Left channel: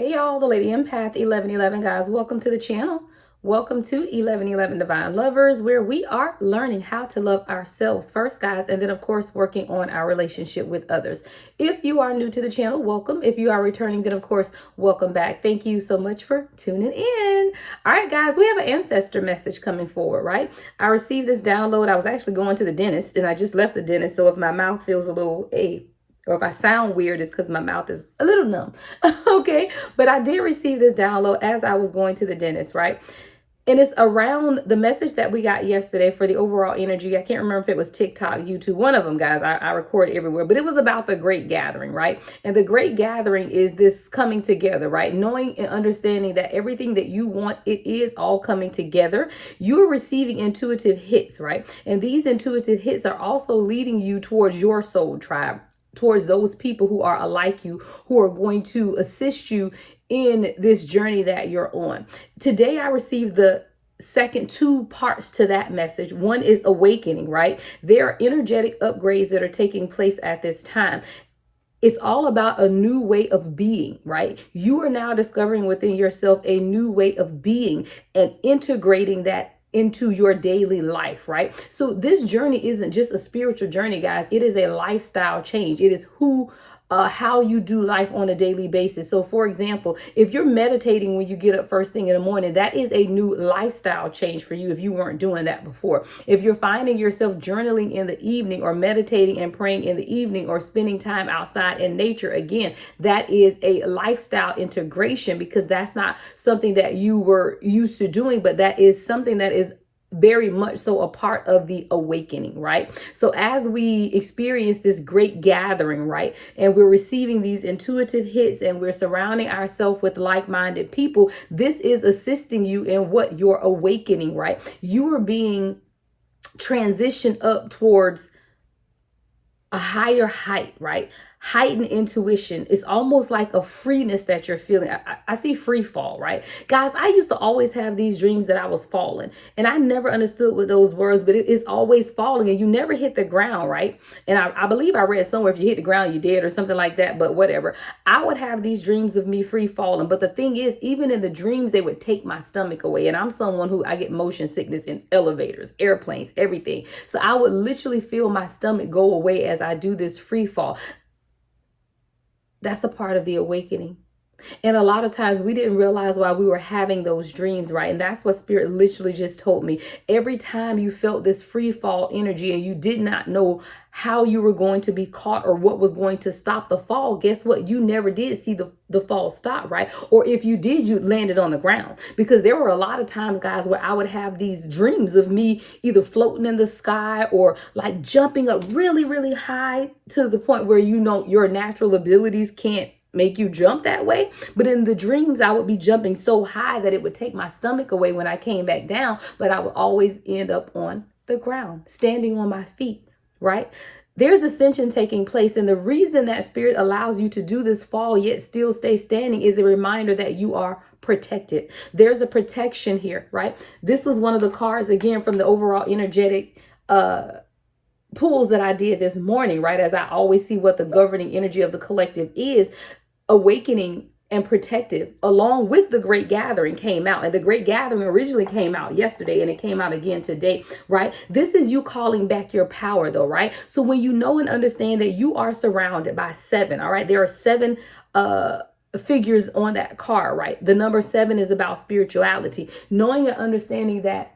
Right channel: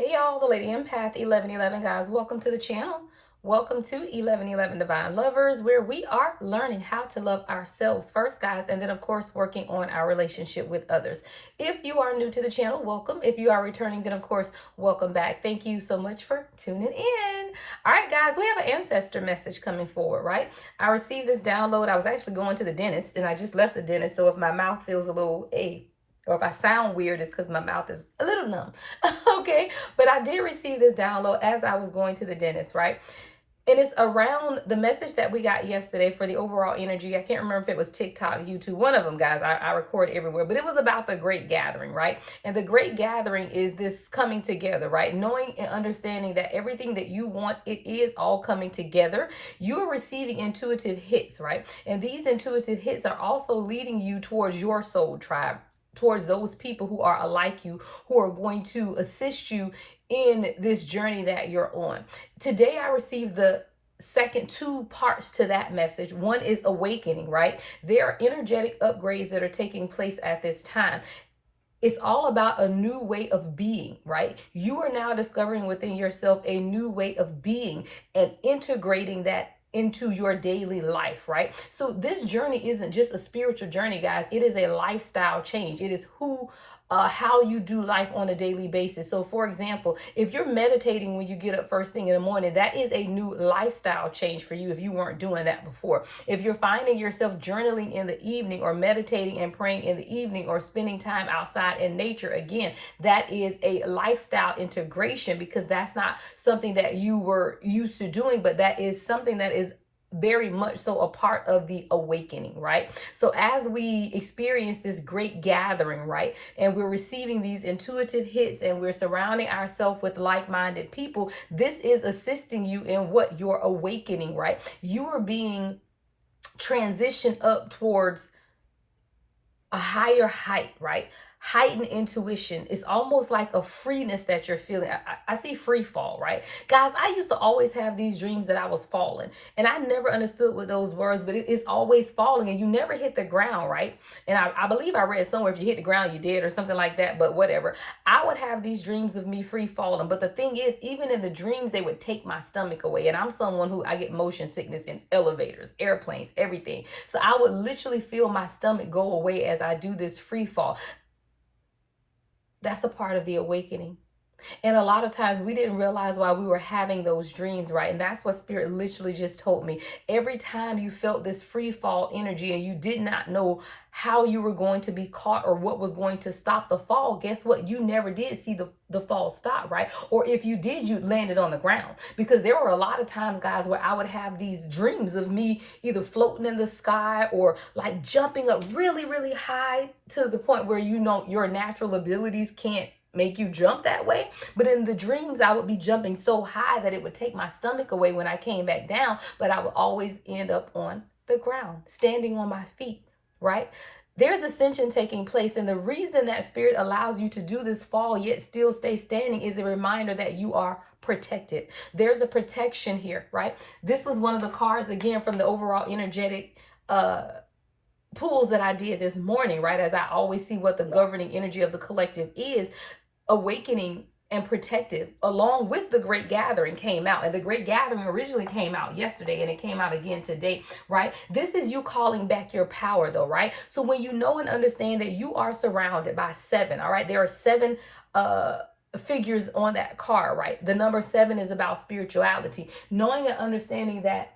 Hey y'all, the Lady Empath 1111 guys. Welcome to the channel. Welcome to 1111 Divine Lovers, where we are learning how to love ourselves first, guys, and then of course working on our relationship with others. If you are new to the channel, welcome. If you are returning, then of course welcome back. Thank you so much for tuning in. All right, guys, we have an ancestor message coming forward, right? I received this download. I was actually going to the dentist, and I just left the dentist, so if my mouth feels a little or if I sound weird, it's because my mouth is a little numb. Okay, but I did receive this download as I was going to the dentist, right? And it's around the message that we got yesterday for the overall energy. I can't remember if it was TikTok, YouTube, one of them, guys. I record everywhere, but it was about the great gathering, right? And the great gathering is this coming together, right? Knowing and understanding that everything that you want, it is all coming together. You're receiving intuitive hits, right? And these intuitive hits are also leading you towards your soul tribe, towards those people who are alike you, who are going to assist you in this journey that you're on. Today, I received the second two parts to that message. One is awakening, right? There are energetic upgrades that are taking place at this time. It's all about a new way of being, right? You are now discovering within yourself a new way of being and integrating that into your daily life, right? So this journey isn't just a spiritual journey, guys. It is a lifestyle change. It is how you do life on a daily basis. So for example, if you're meditating when you get up first thing in the morning, that is a new lifestyle change for you if you weren't doing that before. If you're finding yourself journaling in the evening or meditating and praying in the evening or spending time outside in nature, again, that is a lifestyle integration, because that's not something that you were used to doing, but that is something that is very much so a part of the awakening, right? So as we experience this great gathering, right, and we're receiving these intuitive hits and we're surrounding ourselves with like-minded people, this is assisting you in what you're awakening, right? You are being transitioned up towards a higher height, right? Heightened intuition. It's almost like a freeness that you're feeling. I see free fall, right? Guys, I used to always have these dreams that I was falling, and I never understood what those words, but it's always falling and you never hit the ground, right? And I believe I read somewhere, if you hit the ground, you're dead or something like that, but whatever. I would have these dreams of me free falling. But the thing is, even in the dreams, they would take my stomach away. And I'm someone who I get motion sickness in elevators, airplanes, everything. So I would literally feel my stomach go away as I do this free fall. That's a part of the awakening. And a lot of times we didn't realize why we were having those dreams, right? And that's what Spirit literally just told me. Every time you felt this free fall energy and you did not know how you were going to be caught or what was going to stop the fall, guess what? You never did see the fall stop, right? Or if you did, you landed on the ground. Because there were a lot of times, guys, where I would have these dreams of me either floating in the sky or like jumping up really, really high to the point where, you know, your natural abilities can't make you jump that way. But in the dreams, I would be jumping so high that it would take my stomach away when I came back down, but I would always end up on the ground, standing on my feet, right? There's ascension taking place. And the reason that Spirit allows you to do this fall yet still stay standing is a reminder that you are protected. There's a protection here, right? This was one of the cards, again, from the overall energetic pulls that I did this morning, right? As I always see what the governing energy of the collective is. Awakening and protective, along with the great gathering, came out. And the great gathering originally came out yesterday, and it came out again today, right? This is you calling back your power, though, right? So when you know and understand that you are surrounded by 7, all right? There are 7 figures on that card, right? The number 7 is about spirituality. Knowing and understanding that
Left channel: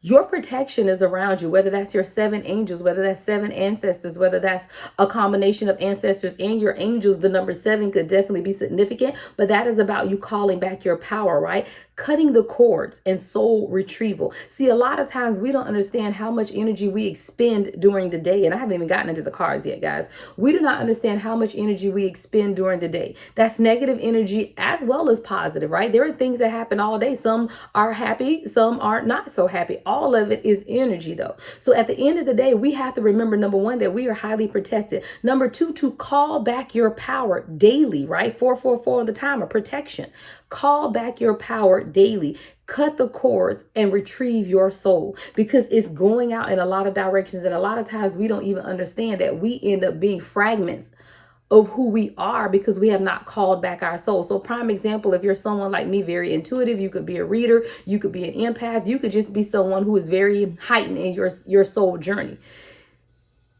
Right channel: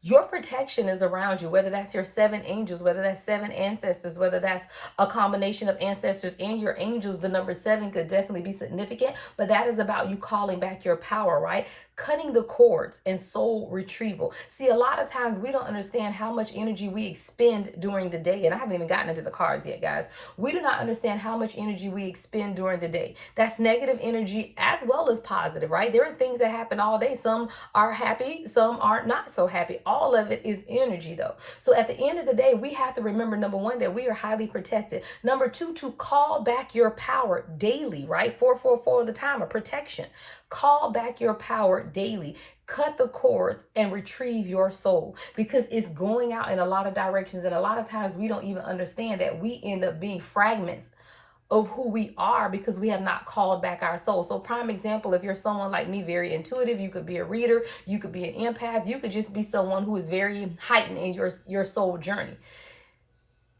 your protection is around you, whether that's your 7 angels, whether that's 7 ancestors, whether that's a combination of ancestors and your angels. The number 7 could definitely be significant, but that is about you calling back your power, right? Cutting the cords and soul retrieval. See, a lot of times we don't understand how much energy we expend during the day. And I haven't even gotten into the cards yet, guys. We do not understand how much energy we expend during the day. That's negative energy as well as positive, right? There are things that happen all day. Some are happy, some are not so happy. All of it is energy, though. So at the end of the day, we have to remember, number 1, that we are highly protected. Number 2, to call back your power daily, right? 444 on the timer, protection. Call back your power daily. Cut the cords and retrieve your soul, because it's going out in a lot of directions. And a lot of times we don't even understand that we end up being fragments of who we are because we have not called back our soul. So prime example, if you're someone like me, very intuitive, you could be a reader, you could be an empath, you could just be someone who is very heightened in your soul journey.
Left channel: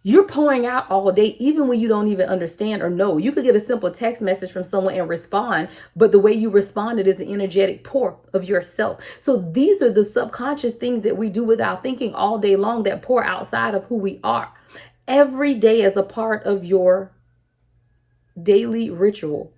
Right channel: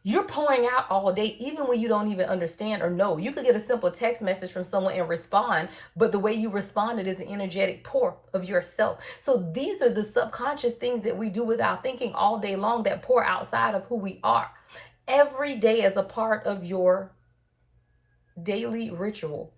You're pouring out all day, even when you don't even understand or know. You could get a simple text message from someone and respond, but the way you responded is an energetic pour of yourself. So these are the subconscious things that we do without thinking all day long that pour outside of who we are. Every day is a part of your daily ritual.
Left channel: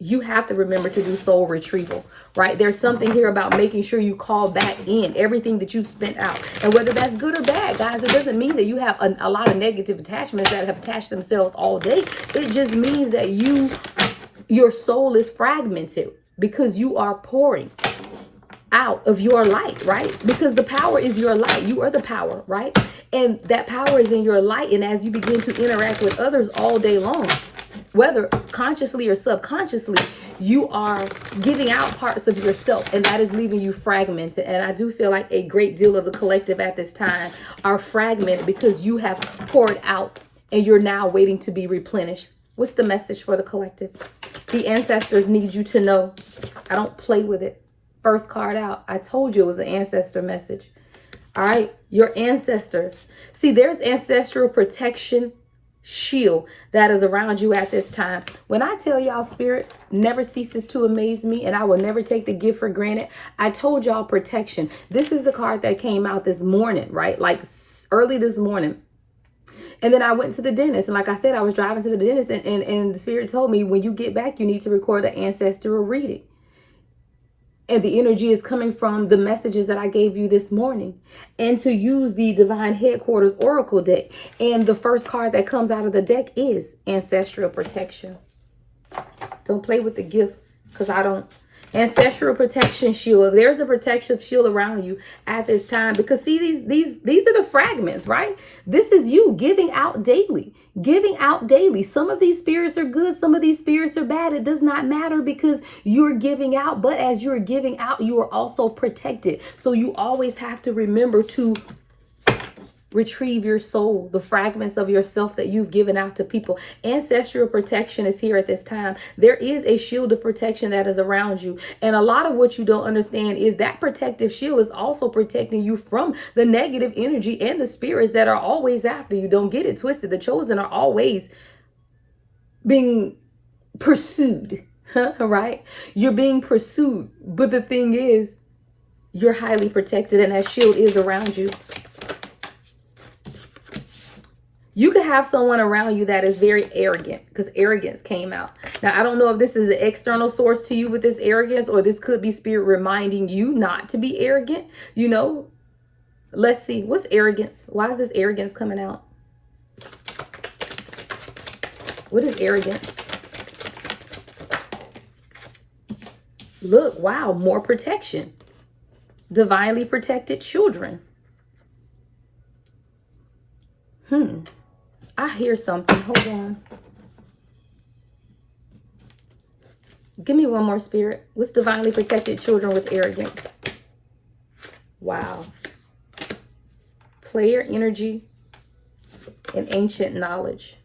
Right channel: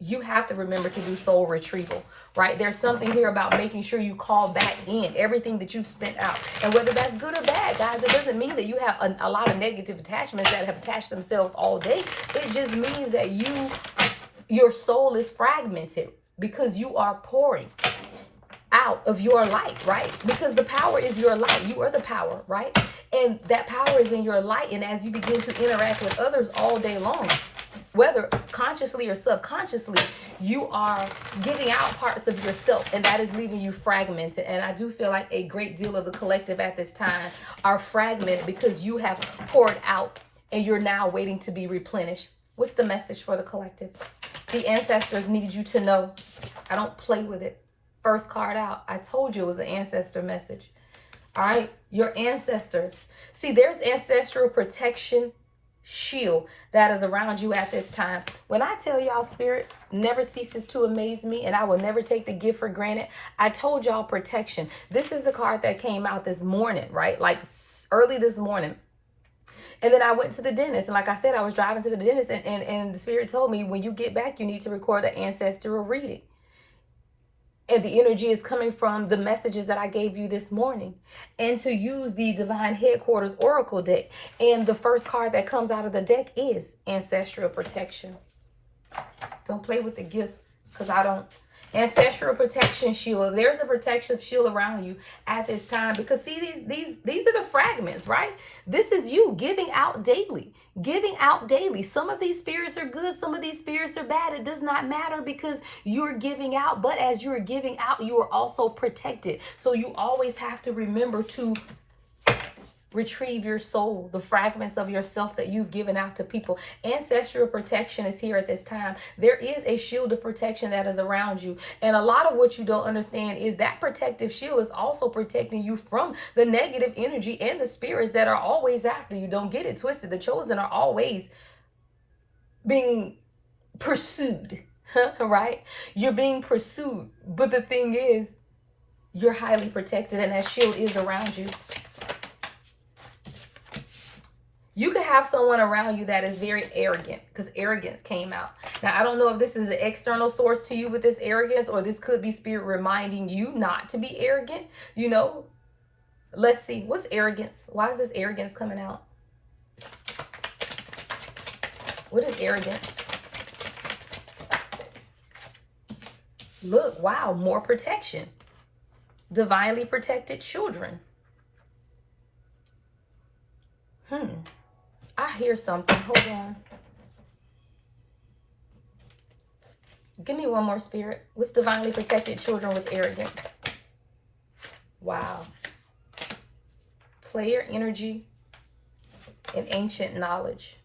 You have to remember to do soul retrieval, right? There's something here about making sure you call back in everything that you've spent out. And whether that's good or bad, guys, it doesn't mean that you have a lot of negative attachments that have attached themselves all day. It just means that your soul is fragmented because you are pouring out of your light, right? Because the power is your light. You are the power, right? And that power is in your light. And as you begin to interact with others all day long, whether consciously or subconsciously, you are giving out parts of yourself, and that is leaving you fragmented. And I do feel like a great deal of the collective at this time are fragmented because you have poured out and you're now waiting to be replenished. What's the message for the collective? The ancestors need you to know. I don't play with it. First card out. I told you it was an ancestor message. All right. Your ancestors. See, there's ancestral protection shield that is around you at this time. When I tell y'all, spirit never ceases to amaze me, and I will never take the gift for granted. I told y'all protection. This is the card that came out this morning, right? Like early this morning. And then I went to the dentist. And like I said, I was driving to the dentist, and the spirit told me, when you get back, you need to record an ancestral reading. And the energy is coming from the messages that I gave you this morning. And to use the Divine Headquarters Oracle deck. And the first card that comes out of the deck is Ancestral Protection. Don't play with the gift, because I don't. Ancestral Protection Shield. There's a protective shield around you at this time. Because see, these are the fragments, right? This is you giving out daily. Giving out daily. Some of these spirits are good. Some of these spirits are bad. It does not matter because you're giving out. But as you're giving out, you are also protected. So you always have to remember to retrieve your soul, the fragments of yourself that you've given out to people. Ancestral protection is here at this time. There is a shield of protection that is around you. And a lot of what you don't understand is that protective shield is also protecting you from the negative energy and the spirits that are always after you. Don't get it twisted. The chosen are always being pursued, right? You're being pursued. But the thing is, you're highly protected, and that shield is around you. You could have someone around you that is very arrogant, because arrogance came out. Now, I don't know if this is an external source to you with this arrogance, or this could be spirit reminding you not to be arrogant. You know, let's see. What's arrogance? Why is this arrogance coming out? What is arrogance? Look, wow, more protection. Divinely protected children. I hear something. Hold on. Give me one more, spirit. What's divinely protected children with arrogance? Wow. Player energy and ancient knowledge.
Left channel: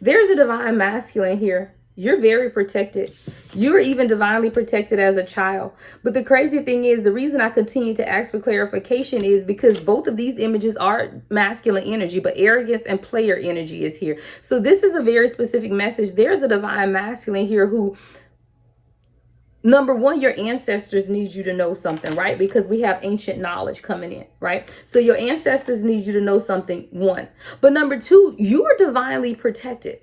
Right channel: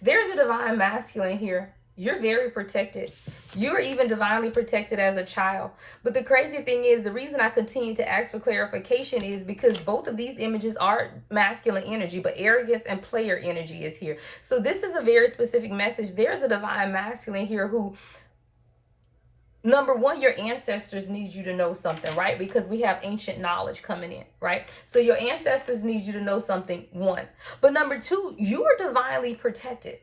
There's a divine masculine here. You're very protected. You're even divinely protected as a child. But the crazy thing is, the reason I continue to ask for clarification is because both of these images are masculine energy, but arrogance and player energy is here. So this is a very specific message. There's a divine masculine here who, number one, your ancestors need you to know something, right? Because we have ancient knowledge coming in, right? So your ancestors need you to know something, one. But number two, you are divinely protected.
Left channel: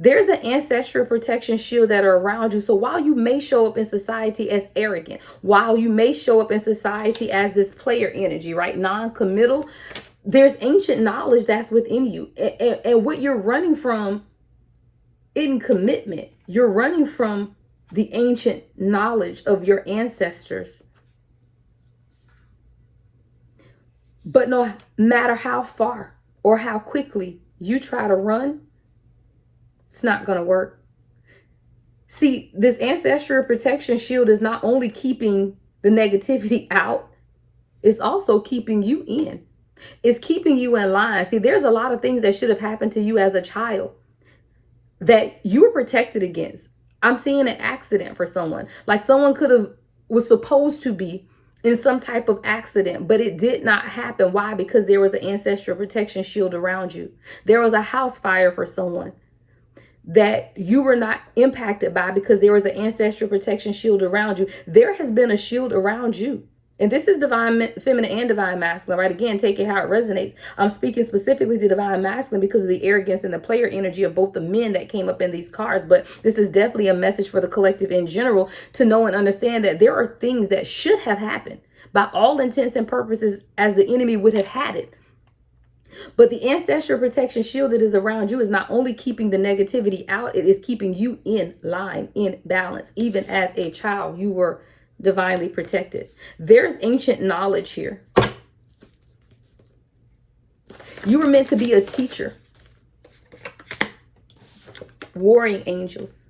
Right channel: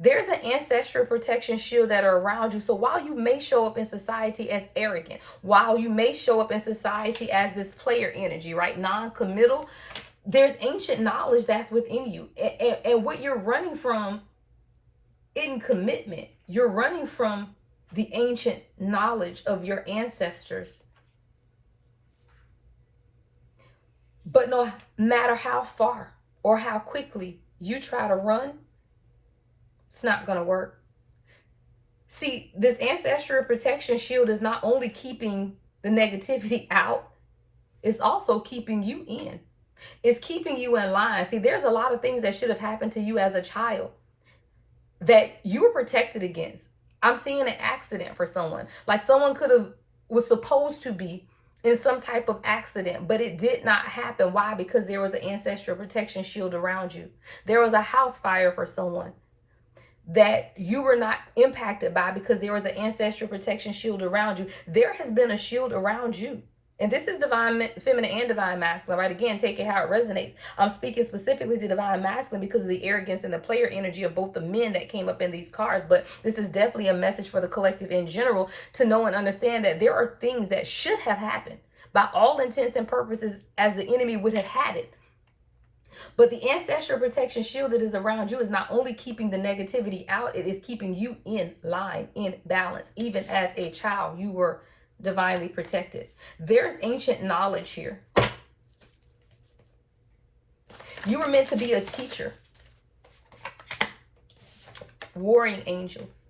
There's an ancestral protection shield that are around you. So while you may show up in society as arrogant, while you may show up in society as this player energy, right? Non-committal, there's ancient knowledge that's within you. And what you're running from in commitment, you're running from the ancient knowledge of your ancestors. But no matter how far or how quickly you try to run, it's not going to work. See, this ancestral protection shield is not only keeping the negativity out, it's also keeping you in. It's keeping you in line. See, there's a lot of things that should have happened to you as a child that you were protected against. I'm seeing an accident for someone. Like someone was supposed to be in some type of accident, but it did not happen. Why? Because there was an ancestral protection shield around you. There was a house fire for someone that you were not impacted by because there was an ancestral protection shield around you. There has been a shield around you. And this is divine feminine and divine masculine, right? Again, take it how it resonates. I'm speaking specifically to divine masculine because of the arrogance and the player energy of both the men that came up in these cards. But this is definitely a message for the collective in general to know and understand that there are things that should have happened by all intents and purposes as the enemy would have had it. But the ancestral protection shield that is around you is not only keeping the negativity out, it is keeping you in line, in balance. Even as a child, you were divinely protected. There's ancient knowledge here. You were meant to be a teacher. Warring angels.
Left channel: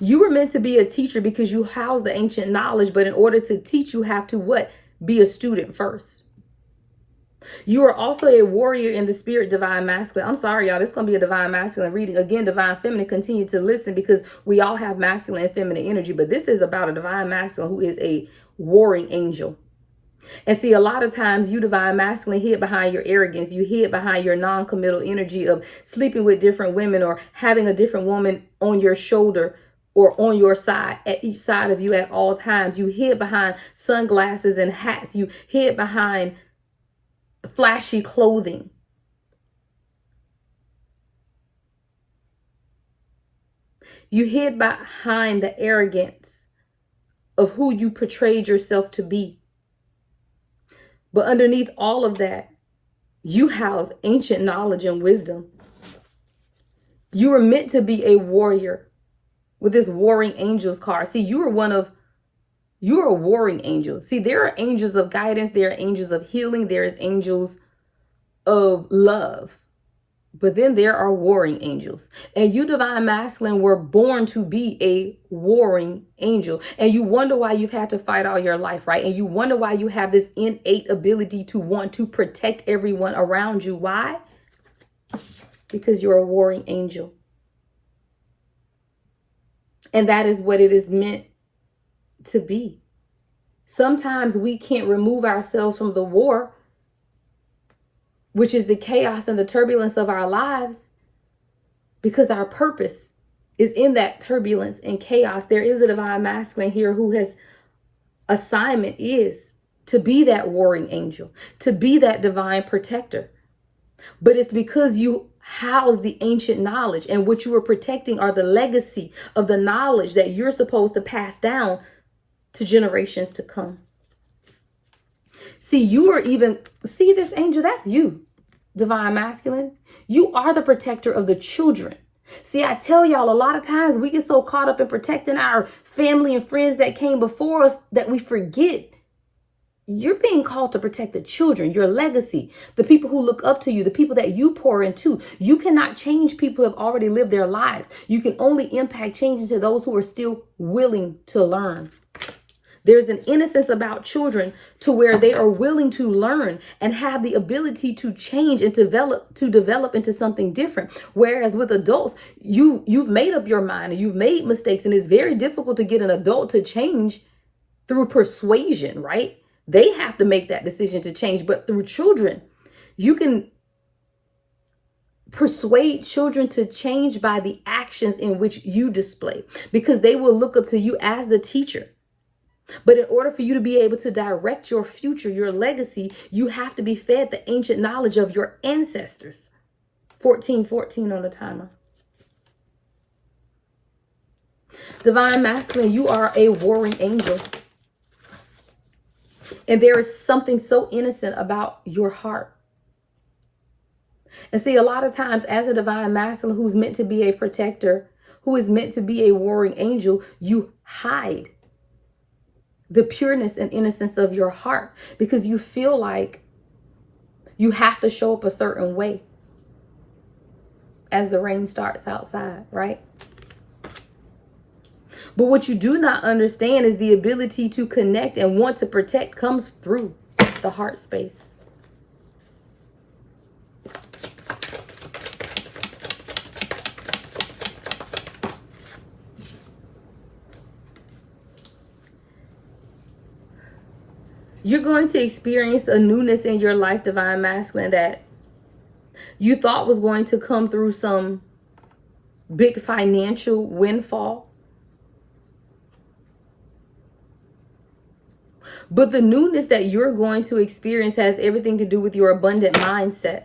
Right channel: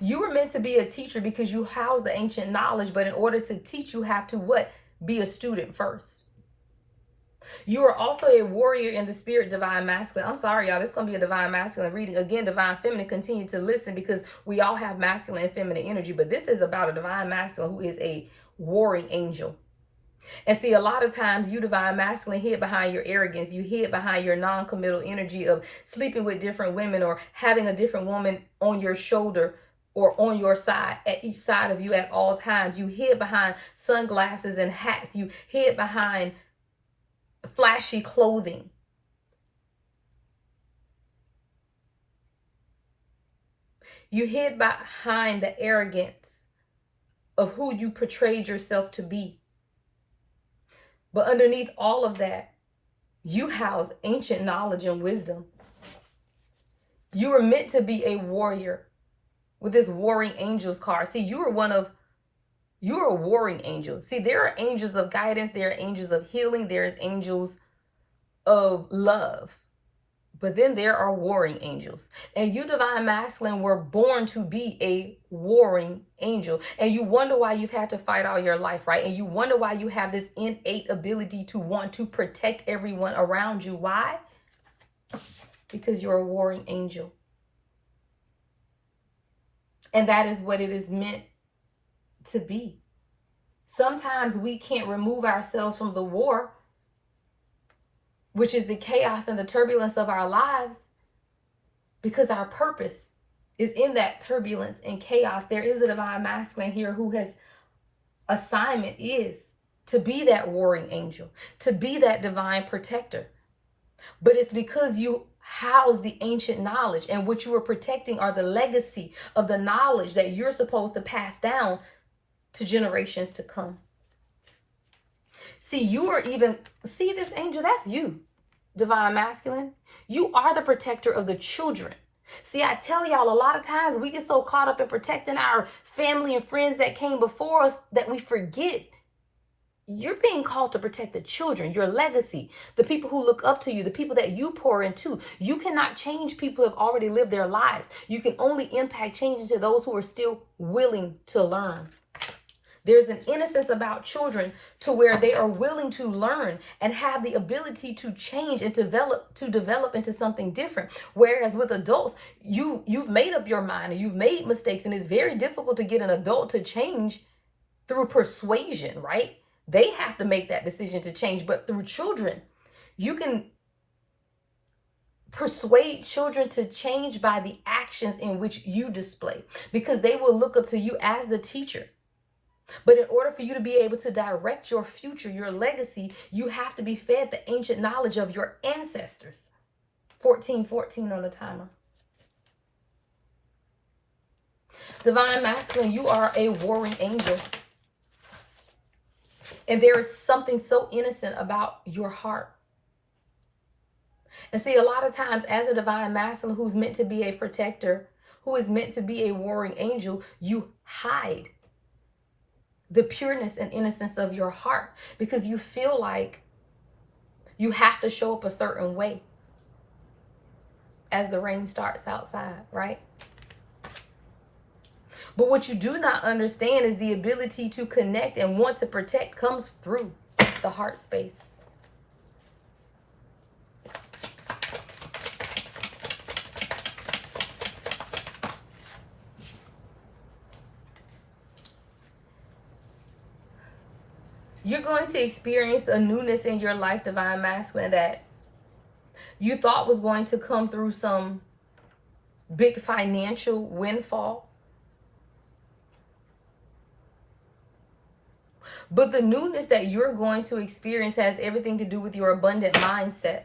You were meant to be a teacher because you house the ancient knowledge, but in order to teach, you have to what? Be a student first. You are also a warrior in the spirit, divine masculine. I'm sorry, y'all. This is going to be a divine masculine reading. Again, divine feminine, continue to listen because we all have masculine and feminine energy. But this is about a divine masculine who is a warring angel. And see, a lot of times you divine masculine hid behind your arrogance. You hid behind your non-committal energy of sleeping with different women or having a different woman on your shoulder or on your side, at each side of you at all times. You hid behind sunglasses and hats. You hid behind flashy clothing. You hid behind the arrogance of who you portrayed yourself to be. But underneath all of that, you house ancient knowledge and wisdom. You were meant to be a warrior with this warring angels card. See, you're a warring angel. See, there are angels of guidance. There are angels of healing. There is angels of love. But then there are warring angels. And you divine masculine were born to be a warring angel. And you wonder why you've had to fight all your life, right? And you wonder why you have this innate ability to want to protect everyone around you. Why? Because you're a warring angel. And that is what it is meant to be. Sometimes we can't remove ourselves from the war, which is the chaos and the turbulence of our lives, because our purpose is in that turbulence and chaos. There is a divine masculine here who has assignment is to be that warring angel, to be that divine protector. But it's because you house the ancient knowledge, and what you are protecting are the legacy of the knowledge that you're supposed to pass down to generations to come. See, see this angel, that's you, divine masculine. You are the protector of the children. See, I tell y'all, a lot of times we get so caught up in protecting our family and friends that came before us that we forget you're being called to protect the children, your legacy, the people who look up to you, the people that you pour into. You cannot change people who have already lived their lives. You can only impact change to those who are still willing to learn. There's an innocence about children to where they are willing to learn and have the ability to change and develop into something different. Whereas with adults, you've made up your mind and you've made mistakes, and it's very difficult to get an adult to change through persuasion, right? They have to make that decision to change. But through children, you can persuade children to change by the actions in which you display, because they will look up to you as the teacher. But in order for you to be able to direct your future, your legacy, you have to be fed the ancient knowledge of your ancestors. 1414 on the timer. Divine masculine, you are a warring angel. And there is something so innocent about your heart. And see, a lot of times as a divine masculine who's meant to be a protector, who is meant to be a warring angel, you hide the pureness and innocence of your heart because you feel like you have to show up a certain way as the rain starts outside, right? But what you do not understand is the ability to connect and want to protect comes through the heart space. You're going to experience a newness in your life, Divine Masculine, that you thought was going to come through some big financial windfall. But the newness that you're going to experience has everything to do with your abundant mindset.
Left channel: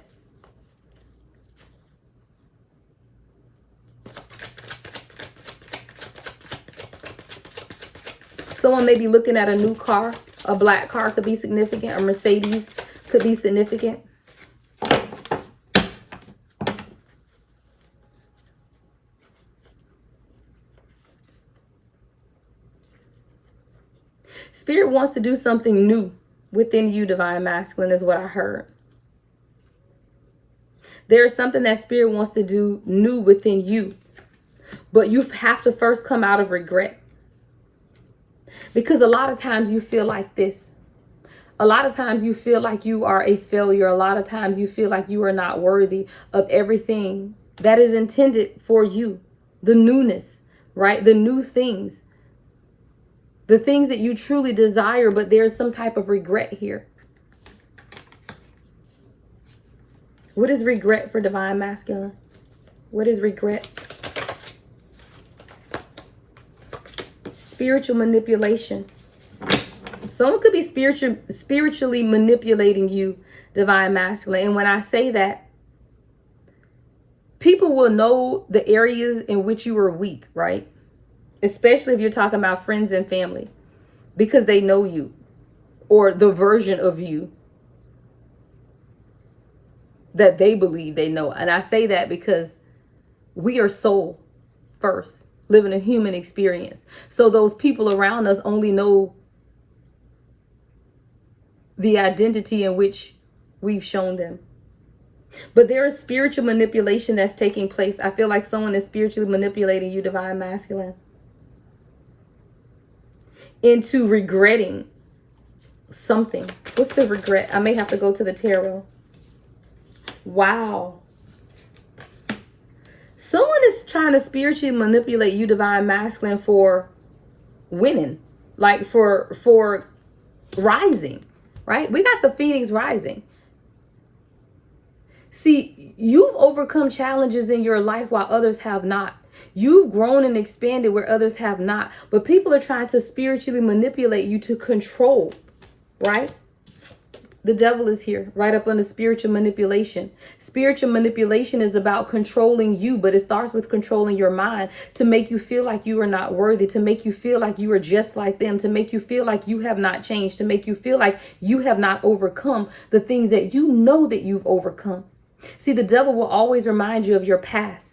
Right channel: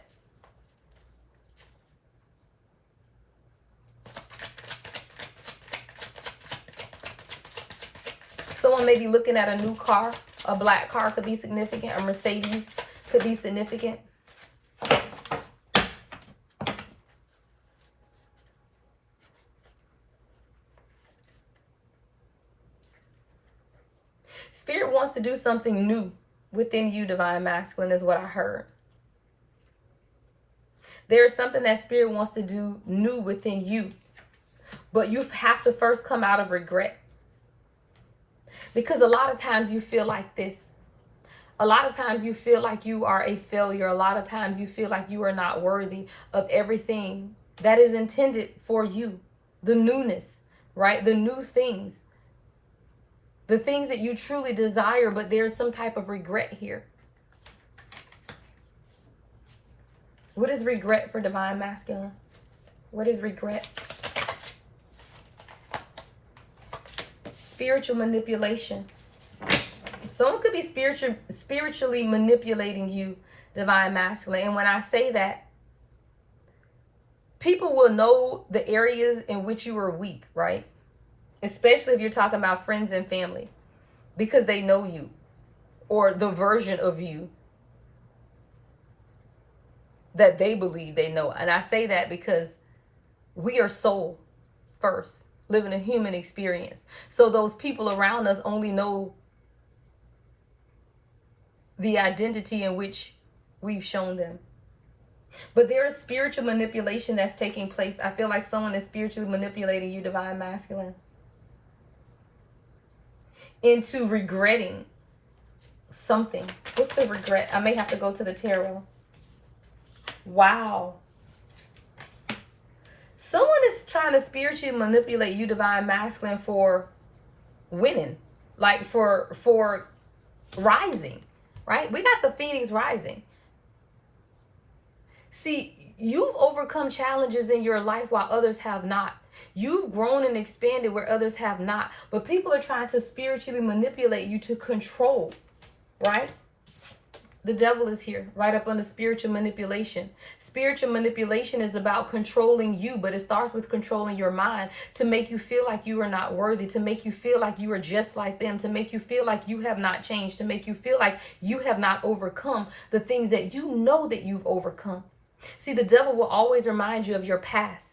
Someone may be looking at a new car. A black car could be significant. A Mercedes could be significant. Spirit wants to do something new within you, Divine Masculine, is what I heard. There is something that Spirit wants to do new within you. But you have to first come out of regret. Because a lot of times you feel like this. A lot of times you feel like you are a failure. A lot of times you feel like you are not worthy of everything that is intended for you. The newness, right? The new things. The things that you truly desire, but there's some type of regret here. What is regret for Divine Masculine? What is regret? Spiritual manipulation. Someone could be spiritually manipulating you, Divine Masculine. And when I say that, people will know the areas in which you are weak, right? Especially if you're talking about friends and family, because they know you or the version of you that they believe they know. And I say that because we are soul first, living a human experience. So those people around us only know the identity in which we've shown them. But there is spiritual manipulation that's taking place. I feel like someone is spiritually manipulating you, Divine Masculine, into regretting something. What's the regret? I may have to go to the tarot. Wow. Someone is trying to spiritually manipulate you, Divine Masculine, for winning. Like for rising, right? We got the Phoenix rising. See, you've overcome challenges in your life while others have not. You've grown and expanded where others have not. But people are trying to spiritually manipulate you to control, right? The devil is here, right up under spiritual manipulation. Spiritual manipulation is about controlling you, but it starts with controlling your mind to make you feel like you are not worthy, to make you feel like you are just like them, to make you feel like you have not changed, to make you feel like you have not overcome the things that you know that you've overcome. See, the devil will always remind you of your past,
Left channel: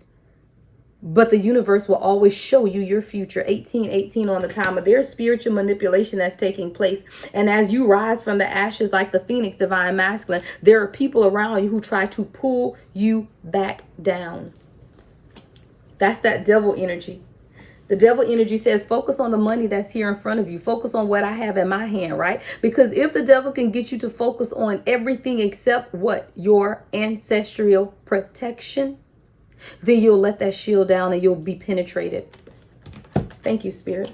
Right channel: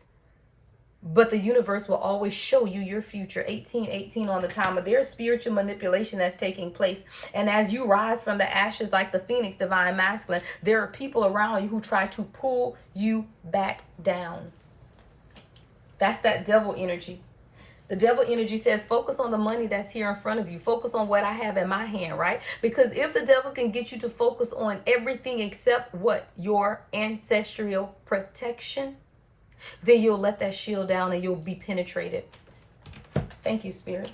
but the universe will always show you your future. 1818 on the timer. There's spiritual manipulation that's taking place. And as you rise from the ashes like the Phoenix, Divine Masculine, there are people around you who try to pull you back down. That's that devil energy. The devil energy says, focus on the money that's here in front of you. Focus on what I have in my hand, right? Because if the devil can get you to focus on everything except what? Your ancestral protection, then you'll let that shield down and you'll be penetrated. Thank you, Spirit.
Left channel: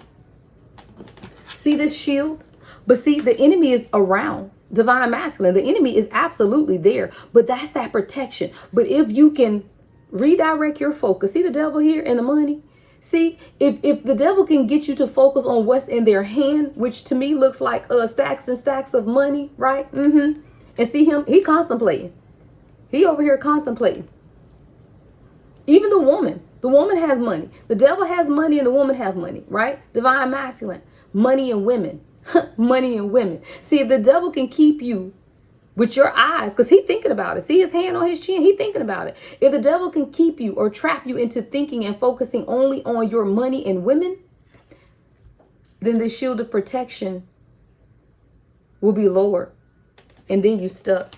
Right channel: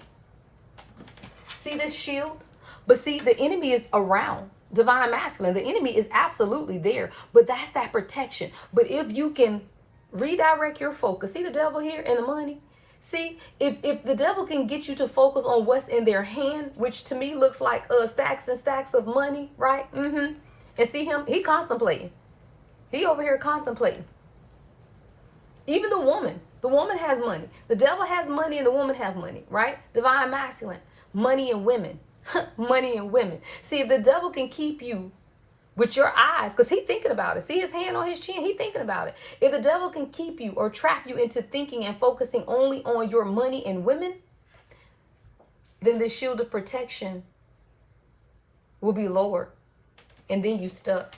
See this shield? But see, the enemy is around. Divine Masculine, the enemy is absolutely there. But that's that protection. But if you can redirect your focus, see the devil here and the money? See, if the devil can get you to focus on what's in their hand, which to me looks like stacks and stacks of money, right? And see him, he contemplating. He over here contemplating. Even the woman has money. The devil has money and the woman has money, right? Divine Masculine, money and women, money and women. See, if the devil can keep you with your eyes, because he's thinking about it. See his hand on his chin? He's thinking about it. If the devil can keep you or trap you into thinking and focusing only on your money and women, then the shield of protection will be lower. And then you stuck.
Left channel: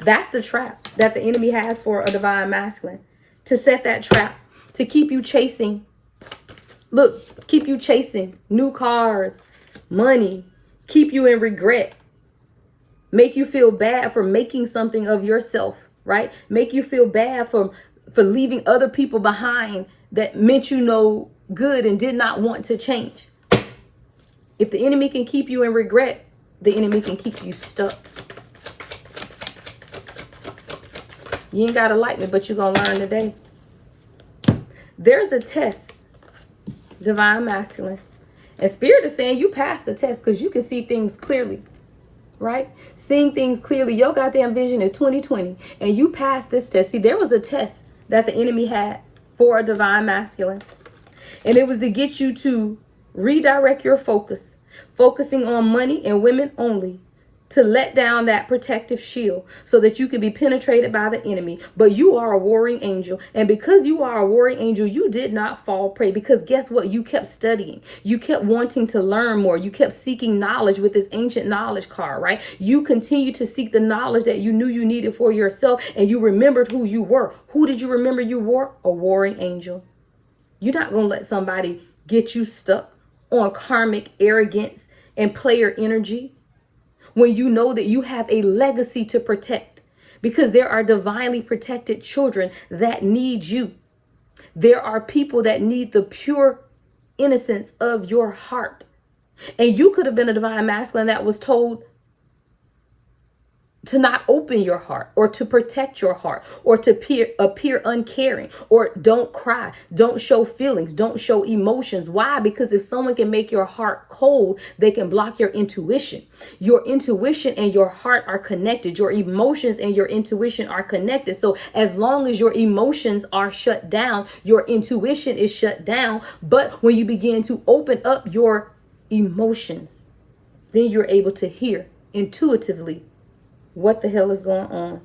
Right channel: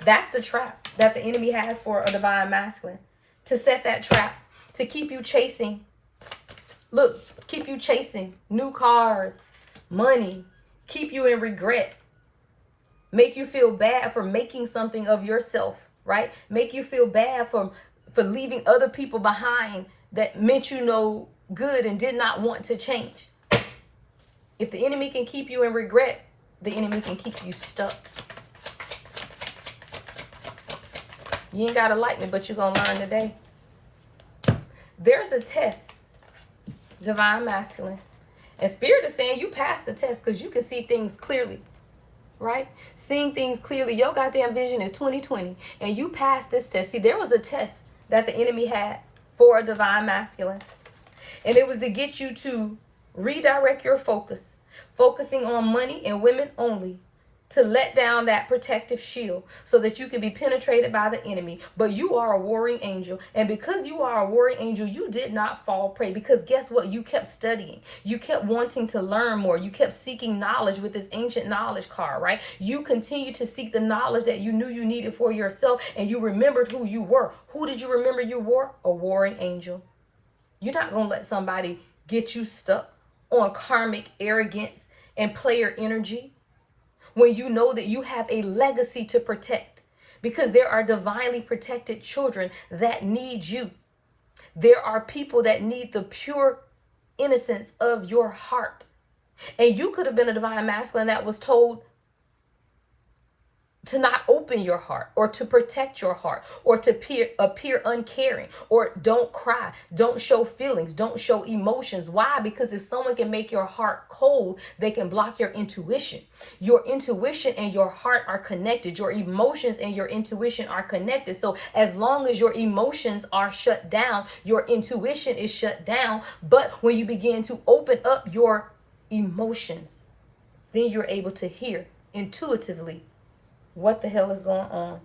That's the trap that the enemy has for a Divine Masculine. To set that trap, to keep you chasing Look, keep you chasing new cars, money, keep you in regret, make you feel bad for making something of yourself, right? Make you feel bad for leaving other people behind that meant you no good and did not want to change. If the enemy can keep you in regret, the enemy can keep you stuck. You ain't got to like me, but you're going to learn today. There's a test, divine masculine. And Spirit is saying you passed the test because you can see things clearly, right? Seeing things clearly. Your goddamn vision is 2020 and you passed this test. See, there was a test that the enemy had for a divine masculine. And it was to get you to redirect your focus, focusing on money and women only, to let down that protective shield so that you can be penetrated by the enemy. But you are a warring angel. And because you are a warring angel, you did not fall prey. Because guess what? You kept studying. You kept wanting to learn more. You kept seeking knowledge with this ancient knowledge card, right? You continued to seek the knowledge that you knew you needed for yourself. And you remembered who you were. Who did you remember you were? A warring angel. You're not going to let somebody get you stuck on karmic arrogance and player energy, when you know that you have a legacy to protect, because there are divinely protected children that need you. There are people that need the pure innocence of your heart. And you could have been a divine masculine that was told to not open your heart, or to protect your heart, or to appear uncaring, or don't cry, don't show feelings, don't show emotions. Why? Because if someone can make your heart cold, they can block your intuition. Your intuition and your heart are connected. Your emotions and your intuition are connected. So as long as your emotions are shut down, your intuition is shut down. But when you begin to open up your emotions, then you're able to hear intuitively what the hell is going on.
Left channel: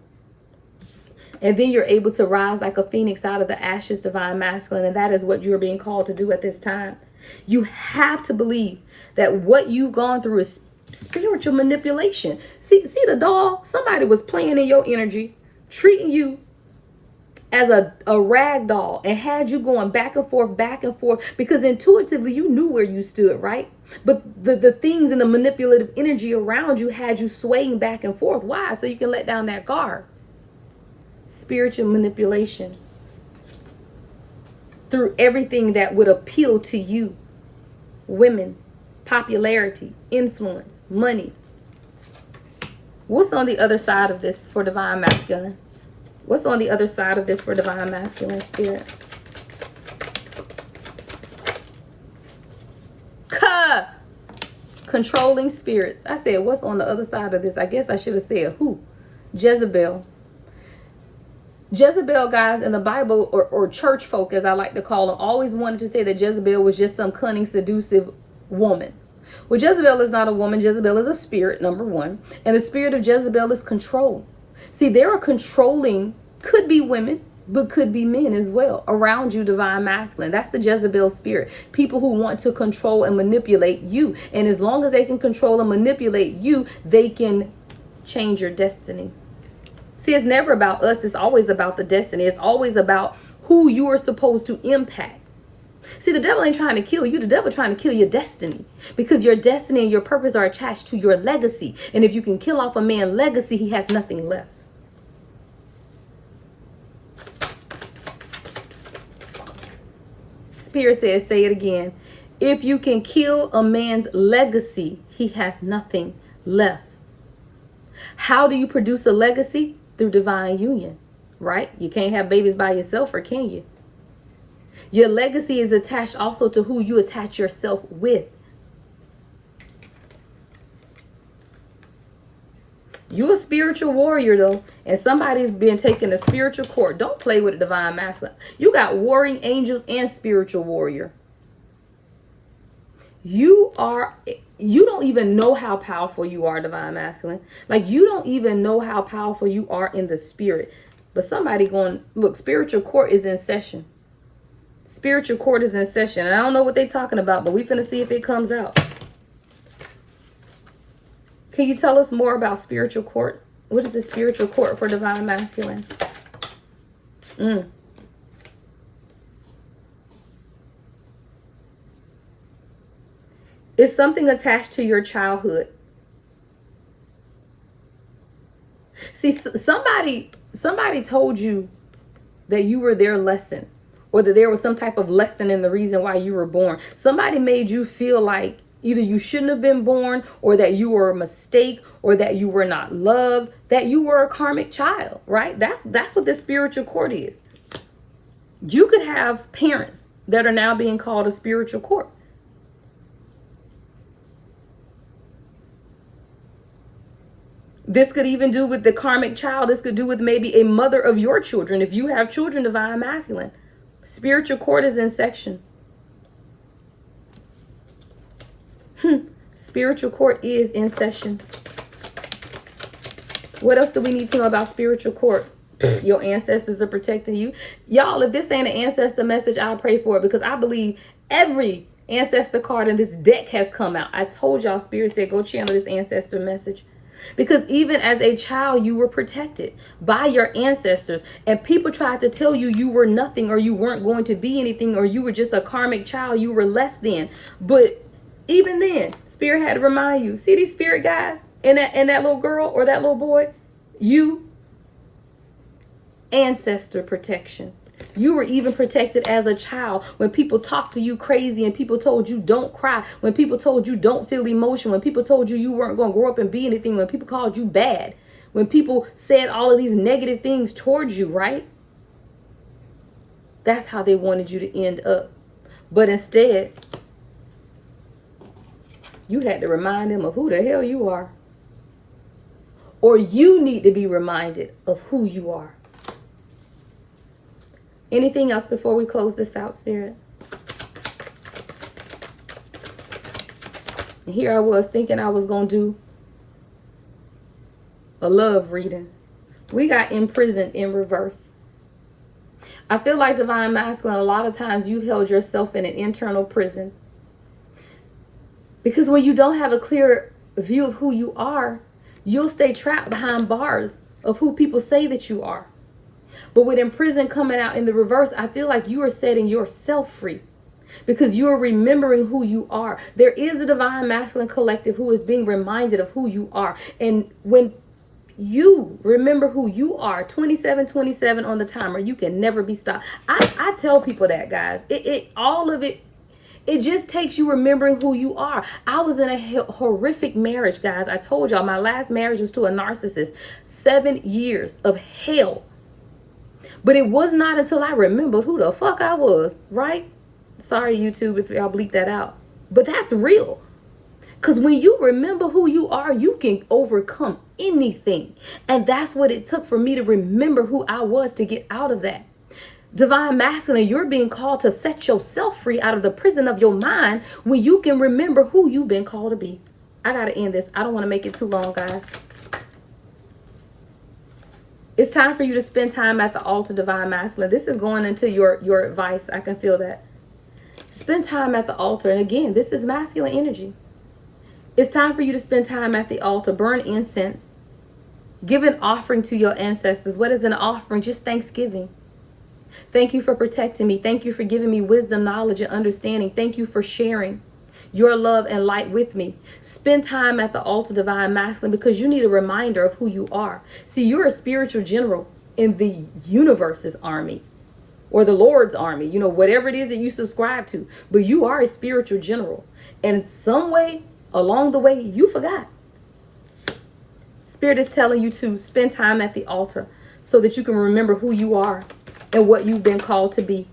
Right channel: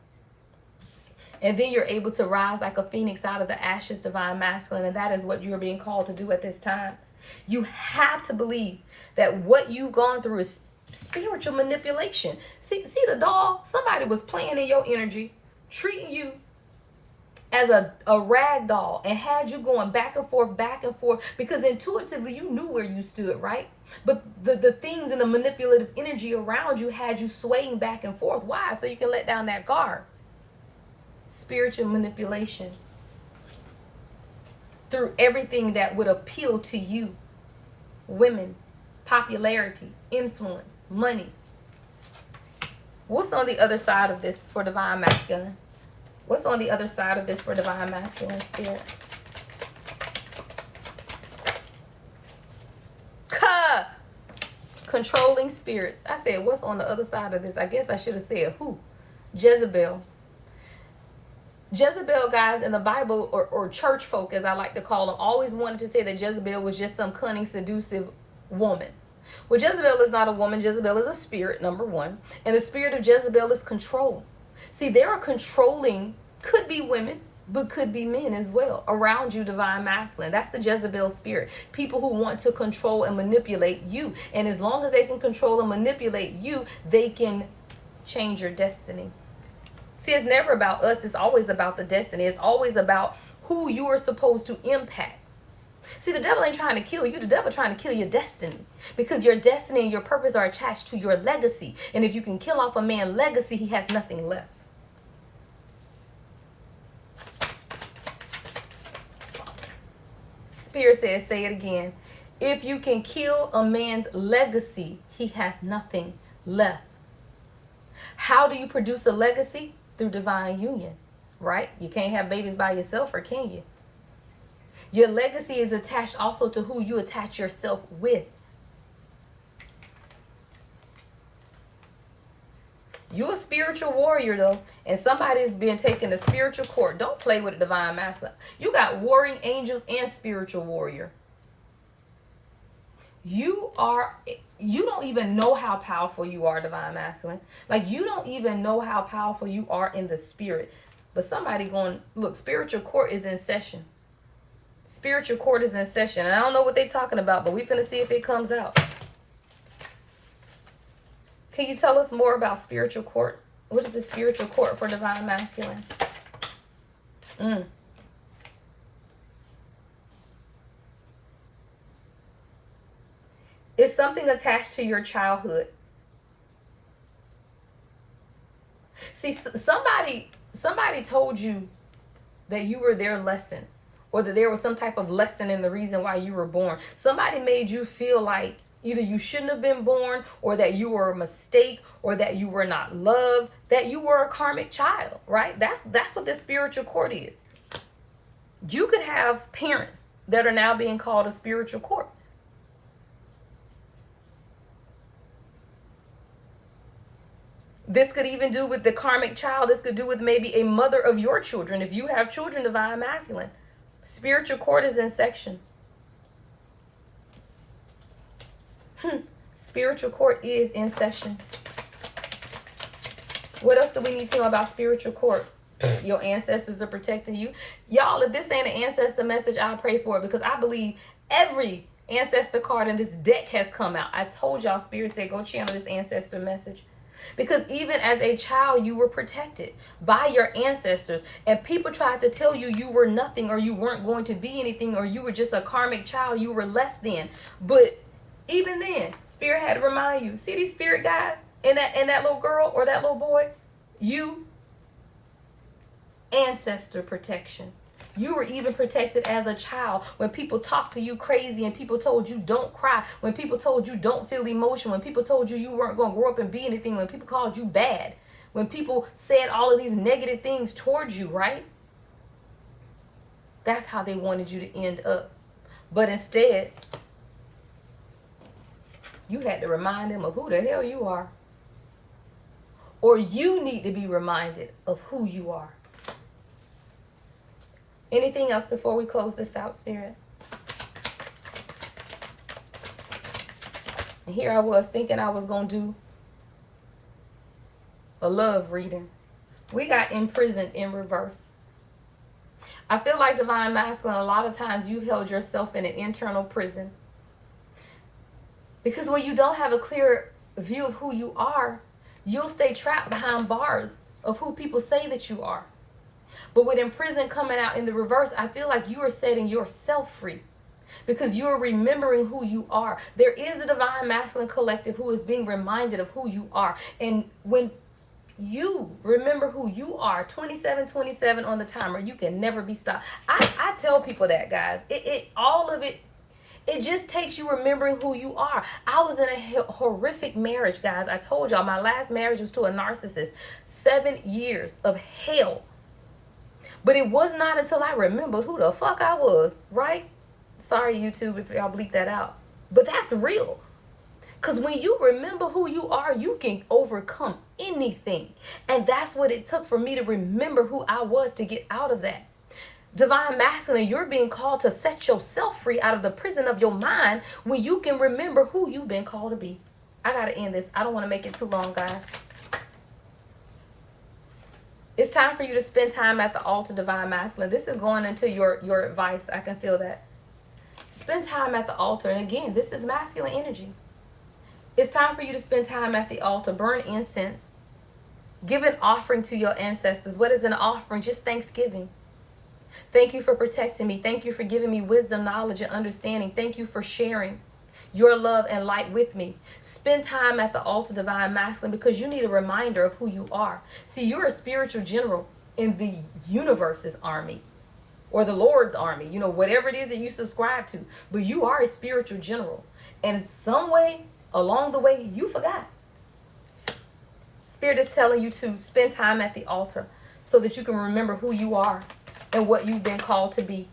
And then you're able to rise like a phoenix out of the ashes, divine masculine. And that is what you're being called to do at this time. You have to believe that what you've gone through is spiritual manipulation. See the doll? Somebody was playing in your energy, treating you as a rag doll, and had you going back and forth, because intuitively you knew where you stood, right? But the things in the manipulative energy around you had you swaying back and forth. Why? So you can let down that guard. Spiritual manipulation through everything that would appeal to you. Women, popularity, influence, money. What's on the other side of this for divine masculine? What's on the other side of this for divine masculine, Spirit? Controlling spirits. I said, what's on the other side of this? I guess I should have said who? Jezebel. Jezebel, guys, in the Bible, or church folk, as I like to call them, always wanted to say that Jezebel was just some cunning, seductive woman. Well, Jezebel is not a woman. Jezebel is a spirit, number one. And the spirit of Jezebel is control. See, there are controlling, could be women, but could be men as well, around you, divine masculine. That's the Jezebel spirit. People who want to control and manipulate you. And as long as they can control and manipulate you, they can change your destiny. See, it's never about us. It's always about the destiny. It's always about who you are supposed to impact. See, the devil ain't trying to kill you. The devil trying to kill your destiny, because your destiny and your purpose are attached to your legacy. And if you can kill off a man's legacy, he has nothing left. Spirit says, say it again. If you can kill a man's legacy, he has nothing left. How do you produce a legacy? Through divine union, right? You can't have babies by yourself, or can you? Your legacy is attached also to who you attach yourself with. You're a spiritual warrior, though, and somebody's been taking a spiritual court. Don't play with a divine masculine. You got warring angels and spiritual warrior. You don't even know how powerful you are, divine masculine. Like, you don't even know how powerful you are in the spirit. But somebody going, look, spiritual court is in session. Spiritual court is in session. And I don't know what they're talking about, but we finna see if it comes out. Can you tell us more about spiritual court? What is the spiritual court for divine masculine? It's something attached to your childhood. See, somebody told you that you were their lesson, or that there was some type of lesson in the reason why you were born. Somebody made you feel like either you shouldn't have been born, or that you were a mistake, or that you were not loved, that you were a karmic child, right? That's what the spiritual court is. You could have parents that are now being called a spiritual court. This could even do with the karmic child. This could do with maybe a mother of your children. If you have children, divine masculine. Spiritual court is in section. Spiritual court is in session. What else do we need to know about spiritual court? Your ancestors are protecting you. Y'all, if this ain't an ancestor message, I'll pray for it, because I believe every ancestor card in this deck has come out. I told y'all, Spirit said, go channel this ancestor message. Because even as a child, you were protected by your ancestors, and people tried to tell you you were nothing, or you weren't going to be anything, or you were just a karmic child, you were less than. But even then, Spirit had to remind you, see these spirit guys and that little girl or that little boy, you, ancestor protection. You were even protected as a child when people talked to you crazy, and people told you don't cry, when people told you don't feel emotion, when people told you you weren't going to grow up and be anything, when people called you bad, when people said all of these negative things towards you, right? That's how they wanted you to end up. But instead, you had to remind them of who the hell you are. Or you need to be reminded of who you are. Anything else before we close this out, Spirit? And here I was thinking I was going to do a love reading. We got imprisoned in reverse. I feel like divine masculine, a lot of times you've held yourself in an internal prison. Because when you don't have a clear view of who you are, you'll stay trapped behind bars of who people say that you are. But with imprisoned coming out in the reverse, I feel like you are setting yourself free, because you are remembering who you are. There is a divine masculine collective who is being reminded of who you are. And when you remember who you are, 2727 on the timer, you can never be stopped. I tell people that, guys. All of it just takes you remembering who you are. I was in a horrific marriage, guys. I told y'all my last marriage was to a narcissist. 7 years of hell. But it was not until I remembered who the fuck I was, right? Sorry, YouTube, if y'all bleep that out. But that's real. Because when you remember who you are, you can overcome anything. And that's what it took for me to remember who I was to get out of that. Divine masculine, you're being called to set yourself free out of the prison of your mind when you can remember who you've been called to be. I got to end this. I don't want to make it too long, guys. It's time for you to spend time at the altar, divine masculine. This is going into your advice. I can feel that. Spend time at the altar. And again, this is masculine energy. It's time for you to spend time at the altar. Burn incense. Give an offering to your ancestors. What is an offering? Just thanksgiving. Thank you for protecting me. Thank you for giving me wisdom, knowledge, and understanding. Thank you for sharing your love and light with me. Spend time at the altar, divine masculine, because you need a reminder of who you are. See, you're a spiritual general in the universe's army, or the Lord's army, you know, whatever it is that you subscribe to. But you are a spiritual general. And some way along the way, you forgot. Spirit is telling you to spend time at the altar so that you can remember who you are and what you've been called to be.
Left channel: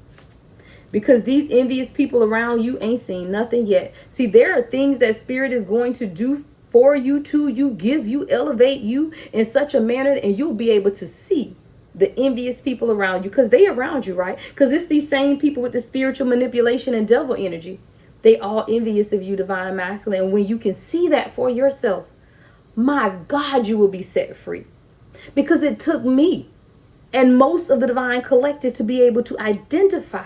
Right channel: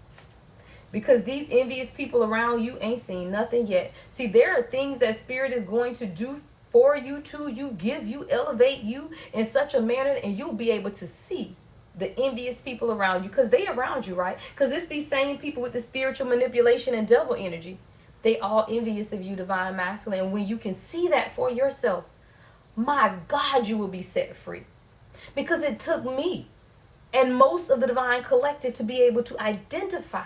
Because these envious people around you ain't seen nothing yet. See, there are things that Spirit is going to do for you, to you, give you, elevate you in such a manner, and you'll be able to see the envious people around you, because they around you, right? Because it's these same people with the spiritual manipulation and devil energy. They all envious of you, divine masculine. And when you can see that for yourself, my God, you will be set free. Because it took me and most of the divine collective to be able to identify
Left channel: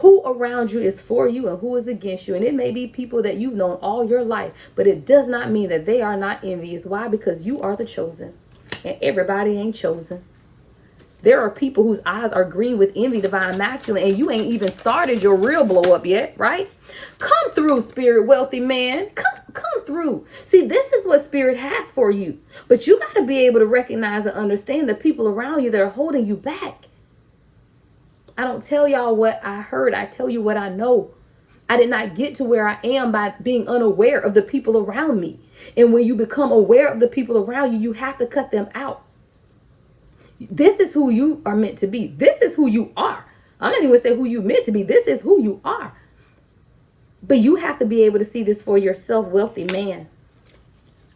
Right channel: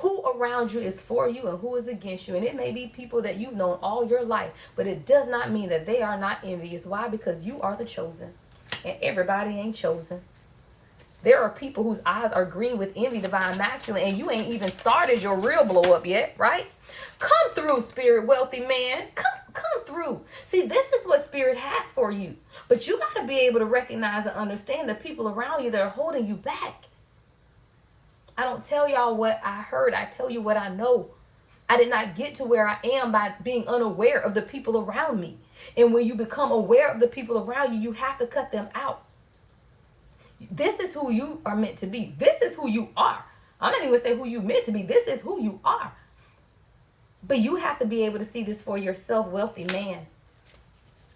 who around you is for you and who is against you. And it may be people that you've known all your life, but it does not mean that they are not envious. Why? Because you are the chosen, and everybody ain't chosen. There are people whose eyes are green with envy, divine masculine, and you ain't even started your real blow up yet, right? Come through, spirit wealthy man. Come through. See, this is what spirit has for you. But you got to be able to recognize and understand the people around you that are holding you back. I don't tell y'all what I heard. I tell you what I know. I did not get to where I am by being unaware of the people around me. And when you become aware of the people around you, you have to cut them out. This is who you are meant to be. This is who you are. I'm not even going to say who you meant to be. This is who you are. But you have to be able to see this for yourself, wealthy man.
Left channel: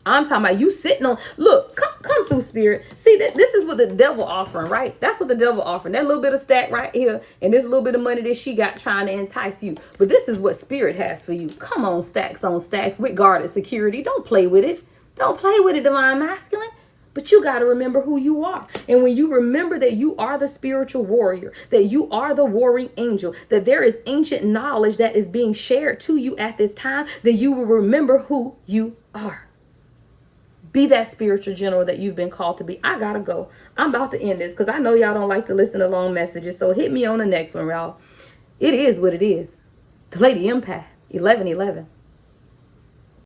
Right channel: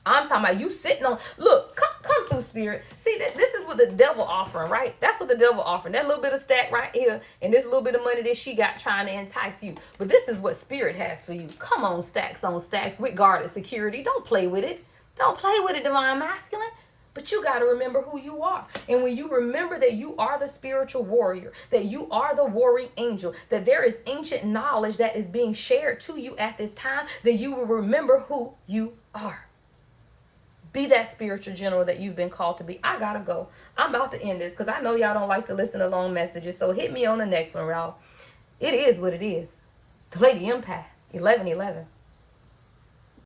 I'm talking about you sitting on, look, come through, spirit. See, this is what the devil offering, right? That's what the devil offering. That little bit of stack right here and this little bit of money that she got trying to entice you. But this is what spirit has for you. Come on, stacks on stacks with guarded security. Don't play with it. Don't play with it, divine masculine. But you got to remember who you are. And when you remember that you are the spiritual warrior, that you are the warring angel, that there is ancient knowledge that is being shared to you at this time, then you will remember who you are. Be that spiritual general that you've been called to be. I got to go. I'm about to end this because I know y'all don't like to listen to long messages. So hit me on the next one, y'all. It is what it is. The Lady Empath, 1111.